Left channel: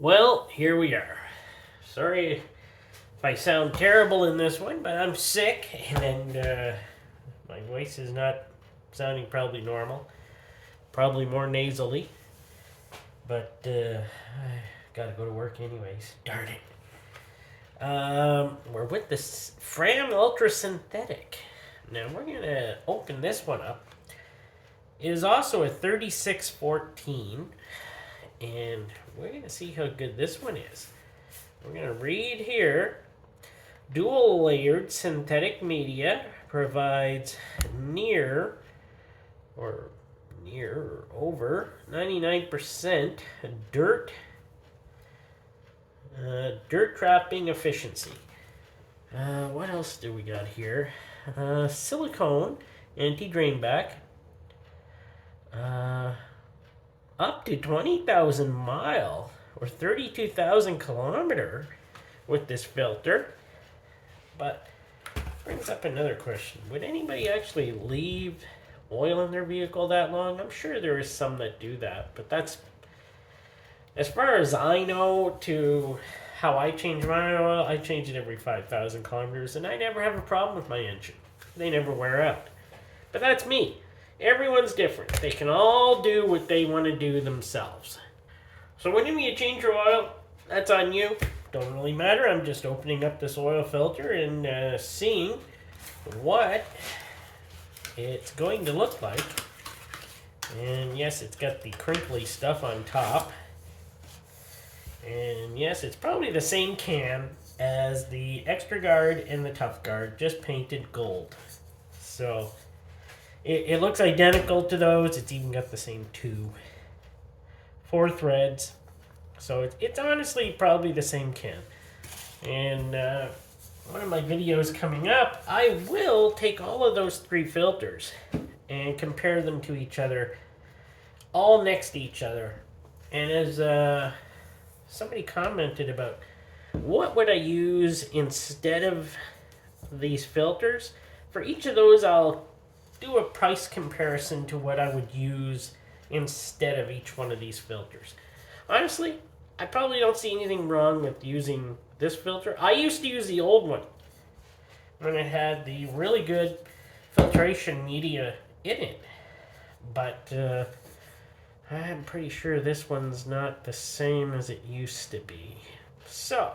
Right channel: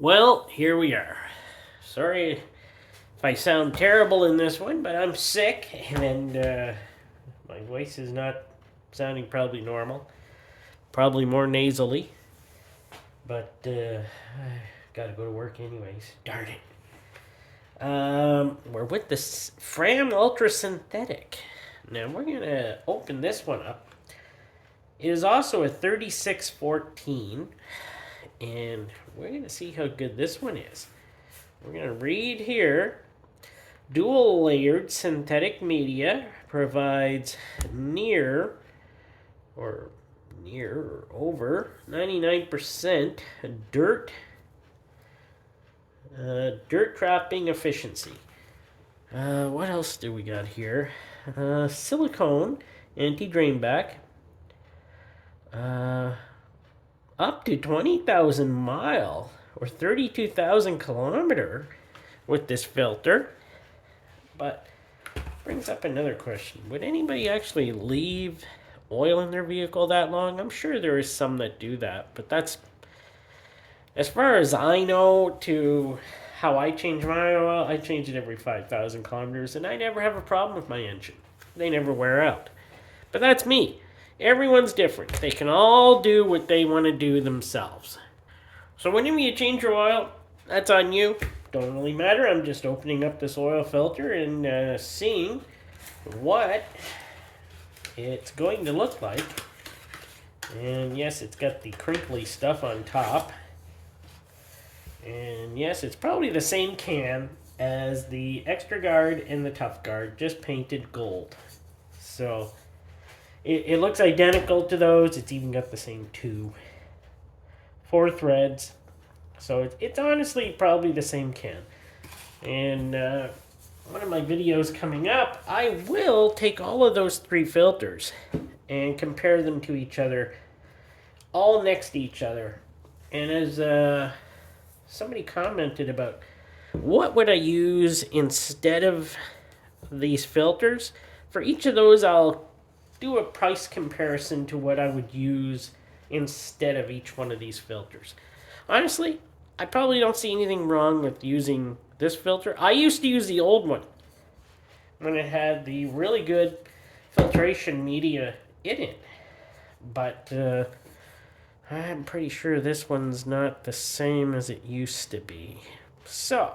Well, here we are. Sorry if I sound terrible in this one, but I'm sick and my voice is not sounding probably normal. Probably more nasally. But I gotta go to work anyways. Darn it. We're with this Fram Ultra Synthetic. Now we're gonna open this one up. It is also a 3614, and we're gonna see how good this one is. We're gonna read here. Dual layered synthetic media provides near or over 99% dirt trapping efficiency. What else do we got here? Silicone anti-drain back. Up to 20,000 mile or 32,000 kilometer with this filter. But brings up another question. Would anybody actually leave oil in their vehicle that long? I'm sure there is some that do that, but that's, as far as I know, to how I change my oil. I change it every 5,000 kilometers, and I never have a problem with my engine. They never wear out. But that's me. Everyone's different. They can all do what they want to do themselves. So whenever you change your oil, that's on you. Don't really matter. I'm just opening up this oil filter and seeing what it's going to look like. And yes, it's got the crinkly stuff on top. And yes, it's probably the same can as the Extra Guard and the Tough Guard, just painted gold. So it looks identical to those. It's even got the same 4 threads. So it's honestly probably the same can. And one of my videos coming up, I will take all of those 3 filters and compare them to each other, all next to each other. And as somebody commented about what would I use instead of these filters, for each of those I'll do a price comparison to what I would use instead of each one of these filters. Honestly, I probably don't see anything wrong with using this filter. I used to use the old one when it had the really good filtration media in it. But I'm pretty sure this one's not the same as it used to be. So,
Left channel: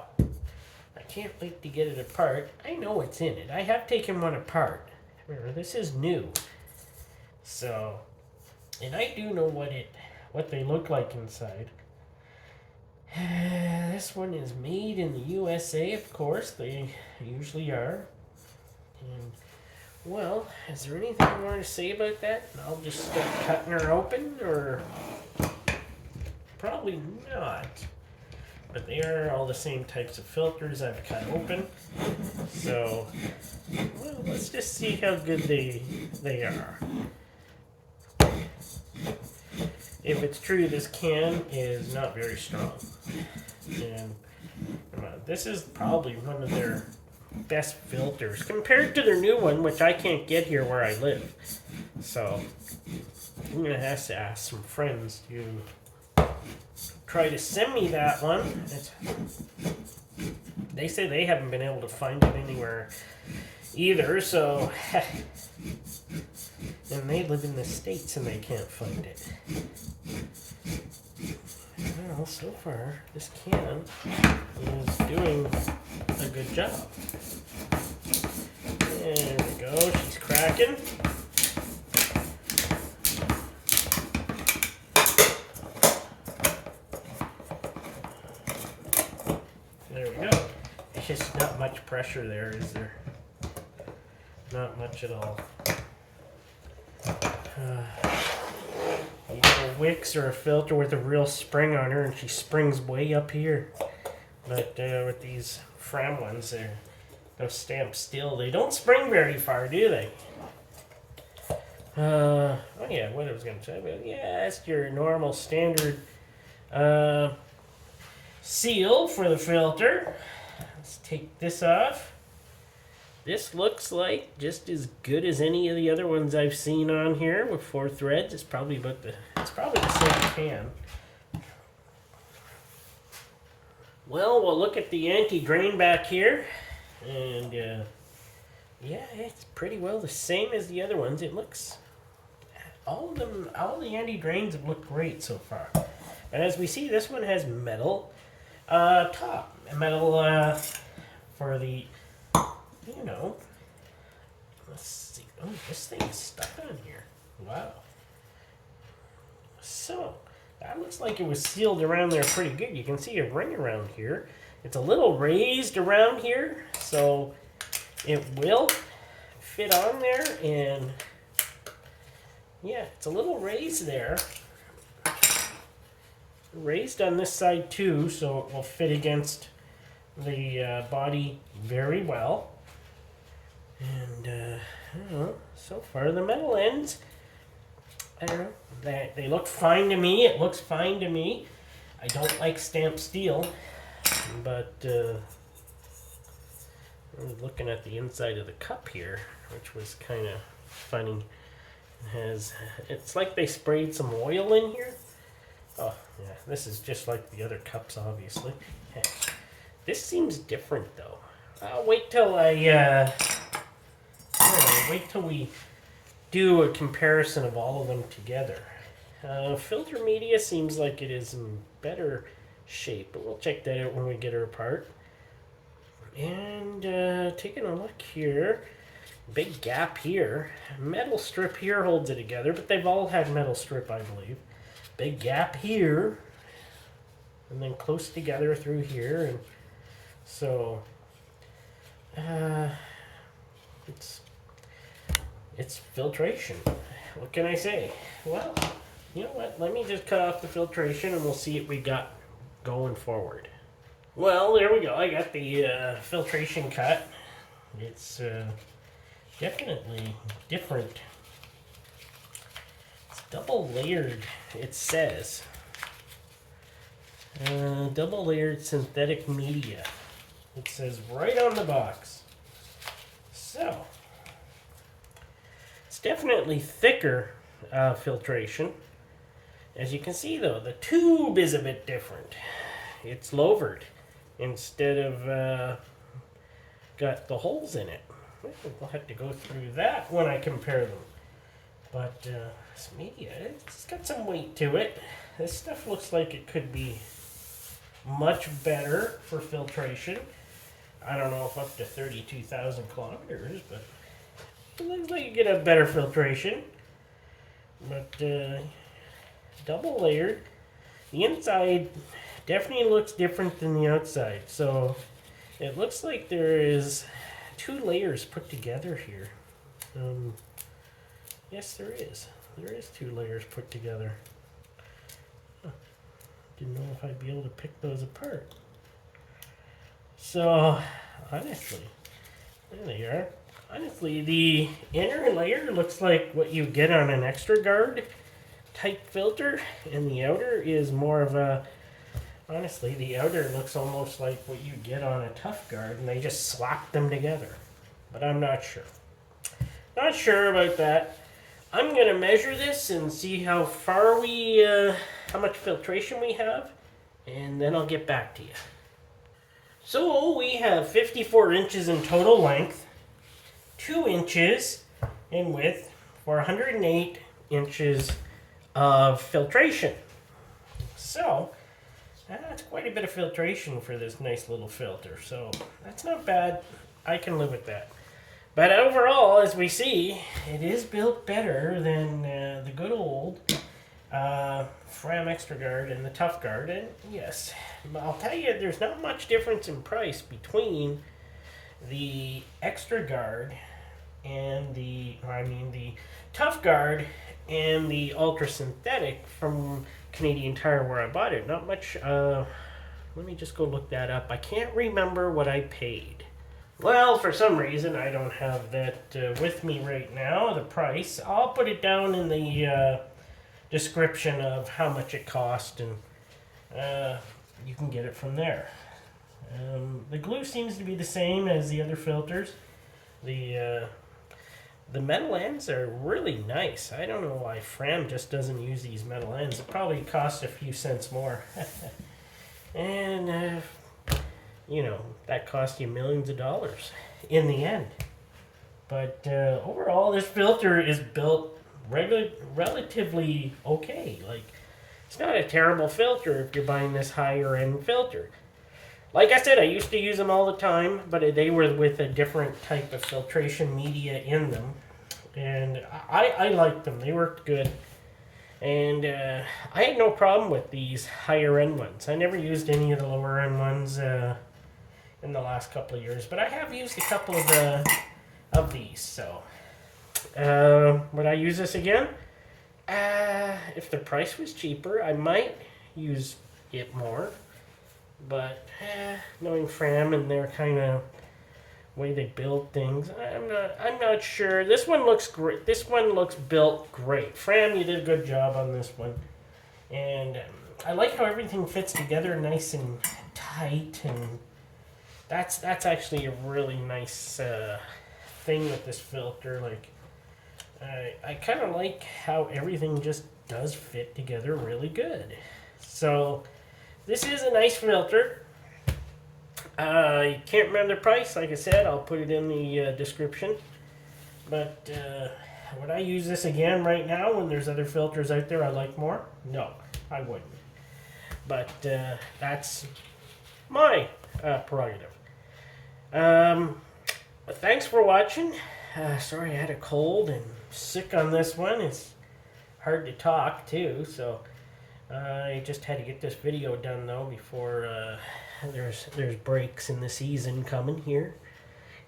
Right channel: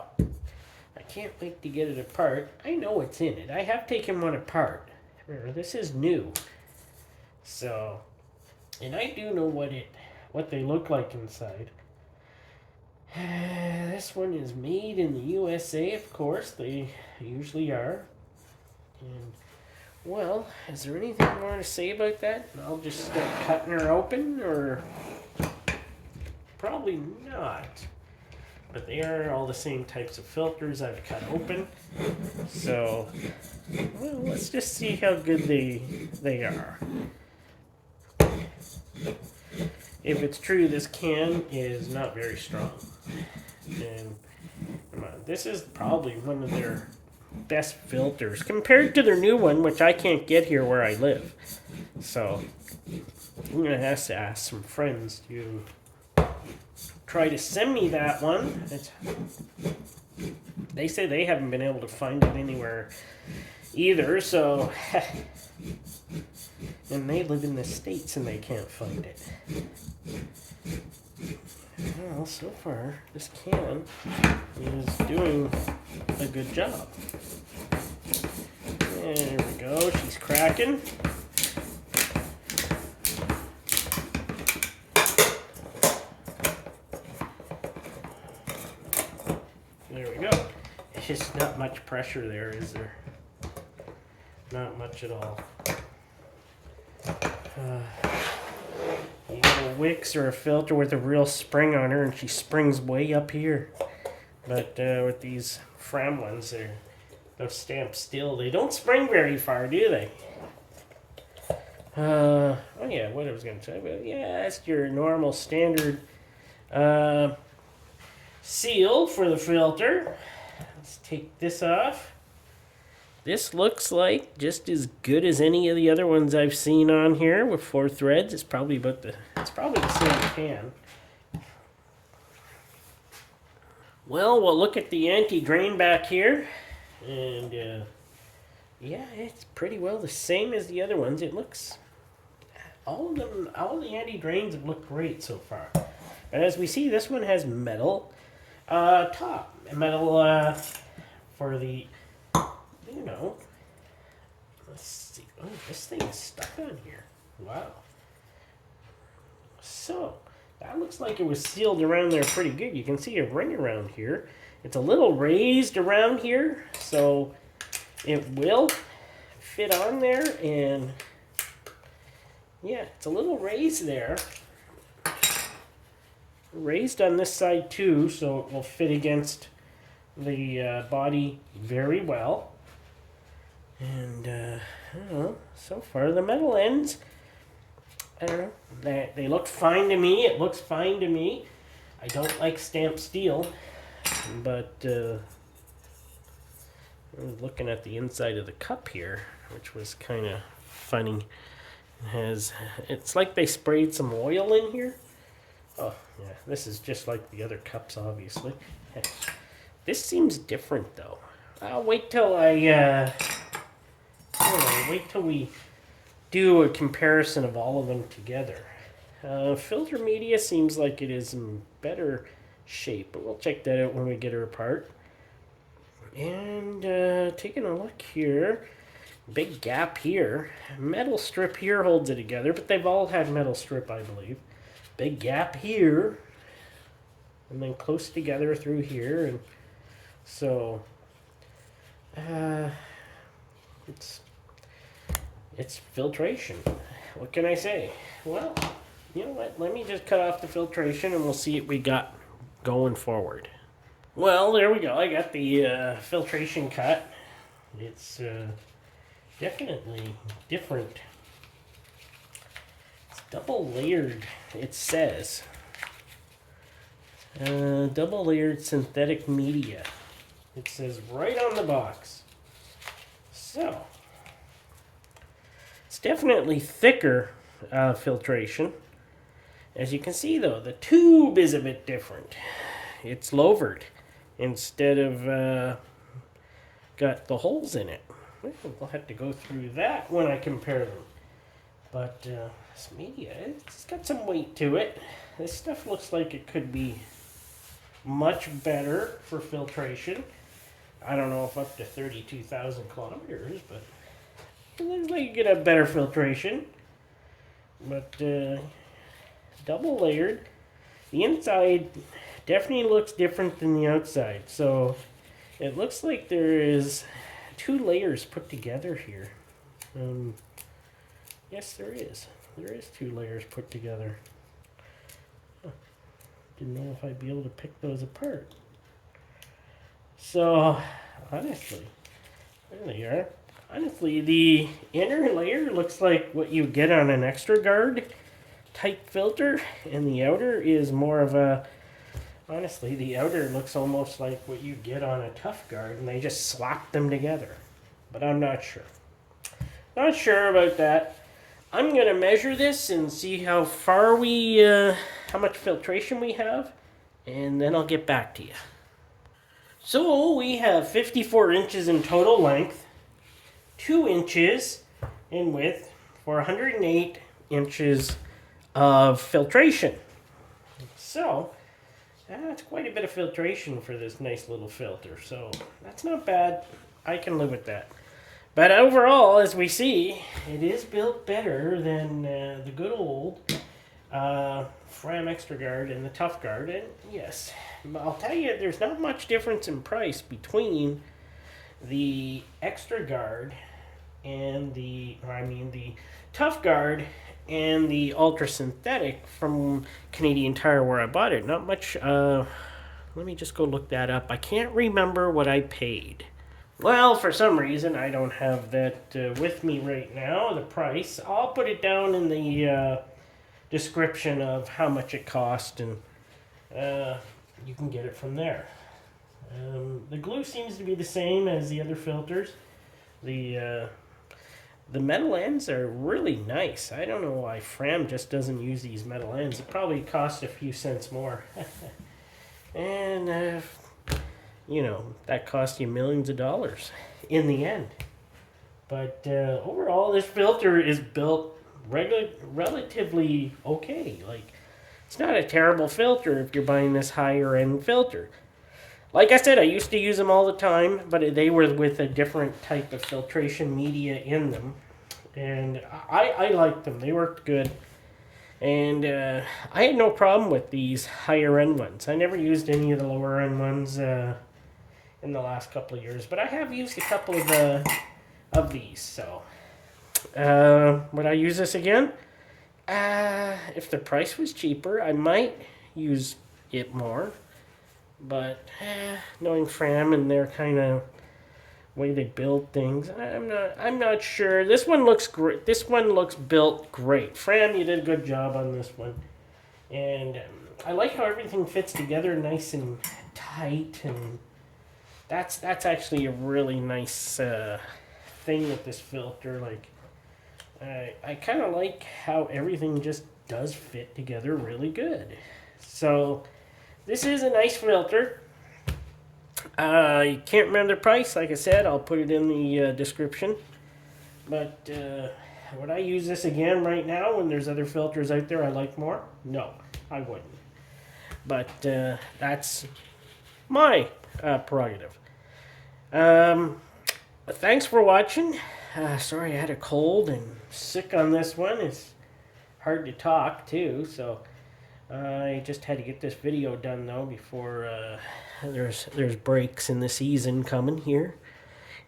I can't wait to get it apart. I know what's in it. I have taken one apart. This is new. So, and I do know what they look like inside. This one is made in the USA, of course. They usually are. And, well, is there anything you want to say about that? I'll just start cutting her open, or probably not. But they are all the same types of filters I've cut open. So, well, let's just see how good they are. If it's true, this can is not very strong. And this is probably one of their best filters compared to their new one, which I can't get here where I live. So I'm going to have to ask some friends to try to send me that one. They say they haven't been able to find it anywhere either, so and they live in the States and they can't find it. Well, so far this can is doing a good job. There we go, she's cracking. There we go. It's just not much pressure there, is there? Not much at all. You got a WIX or a filter with a real spring on her, and she springs way up here. But with these Fram ones, they'll stamp still. They don't spring very far, do they? Oh yeah, what I was going to say. But yeah, that's your normal standard seal for the filter. Let's take this off. This looks like just as good as any of the other ones I've seen on here with 4 threads. It's probably the same can. Well, we'll look at the anti-drain back here, and yeah, it's pretty well the same as the other ones. It looks, all of them, all the anti-drains have looked great so far. And as we see, this one has metal top, metal for the, you know, let's see. Oh, this thing is stuck on here. Wow. So, that looks like it was sealed around there pretty good. You can see a ring around here. It's a little raised around here, so it will fit on there, and yeah, it's a little raised there. Raised on this side too, so it will fit against the body very well. And so far the metal ends, they look fine to me. It looks fine to me. I don't like stamped steel, but looking at the inside of the cup here, which was kind of funny. It's like they sprayed some oil in here. Oh yeah, this is just like the other cups, obviously. This seems different though. I'll wait till wait till we do a comparison of all of them together. Filter media seems like it is in better shape, but we'll check that out when we get her apart. And taking a look here, big gap here. Metal strip here holds it together, but they've all had metal strip, I believe. Big gap here, and then close together through here, and so it's filtration. What can I say? Well, you know what? Let me just cut off the filtration, and we'll see what we got going forward. Well, there we go. I got the filtration cut. It's definitely different. It's double layered, it says. Double layered synthetic media. It says right on the box. So, it's definitely thicker filtration. As you can see though, the tube is a bit different. It's lowered instead of got the holes in it. We'll have to go through that when I compare them. But this media, it's got some weight to it. This stuff looks like it could be much better for filtration. I don't know if up to 32,000 kilometers, but it looks like you get a better filtration. But double layered. The inside definitely looks different than the outside. So it looks like there is 2 layers put together here. Yes, there is. There is 2 layers put together. Huh. Didn't know if I'd be able to pick those apart. So, honestly, there they are. Honestly, the inner layer looks like what you get on an extra guard type filter, and the outer is more of a, honestly, the outer looks almost like what you get on a tough guard, and they just slap them together. But I'm not sure. Not sure about that. I'm going to measure this and see how far we, how much filtration we have, and then I'll get back to you. So we have 54 inches in total length, 2 inches in width for 108 inches of filtration. So that's quite a bit of filtration for this nice little filter. So that's not bad. I can live with that. But overall, as we see, it is built better than the good old Fram Extra Guard and the Tough Guard. And yes, I'll tell you, there's not much difference in price between the Extra Guard and the Tough Guard and the Ultra Synthetic from Canadian Tire where I bought it. Not much. Let me just go look that up. I can't remember what I paid. Well, for some reason, I don't have that with me right now, the price. I'll put it down in the description of how much it cost, and you can get it from there. The glue seems to be the same as the other filters. The metal ends are really nice. I don't know why Fram just doesn't use these metal ends. It probably costs a few cents more. And you know, that cost you millions of dollars in the end. But overall, this filter is built relatively okay. Like, it's not a terrible filter if you're buying this higher end filter. Like I said, I used to use them all the time, but they were with a different type of filtration media in them. And I liked them. They worked good. And I had no problem with these higher end ones. I never used any of the lower end ones in the last couple of years, but I have used a couple of these. So would I use this again? If the price was cheaper, I might use it more. But knowing Fram and their kind of way they build things, I'm not sure. This one looks great. This one looks built great. Fram, you did a good job on this one, and I like how everything fits together nice and tight, and that's actually a really nice thing with this filter. Like I kind of like how everything just does fit together really good. So this is a nice filter. I can't remember the price. Like I said, I'll put it in the description. But would I use this again right now when there's other filters out there I like more? No, I wouldn't. But that's my prerogative. Thanks for watching. Sorry I had a cold and sick on this one. It's hard to talk too, so I just had to get this video done though before there's breaks in the season coming here.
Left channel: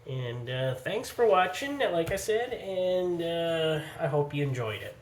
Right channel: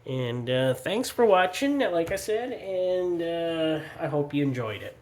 And thanks for watching, like I said, and I hope you enjoyed it.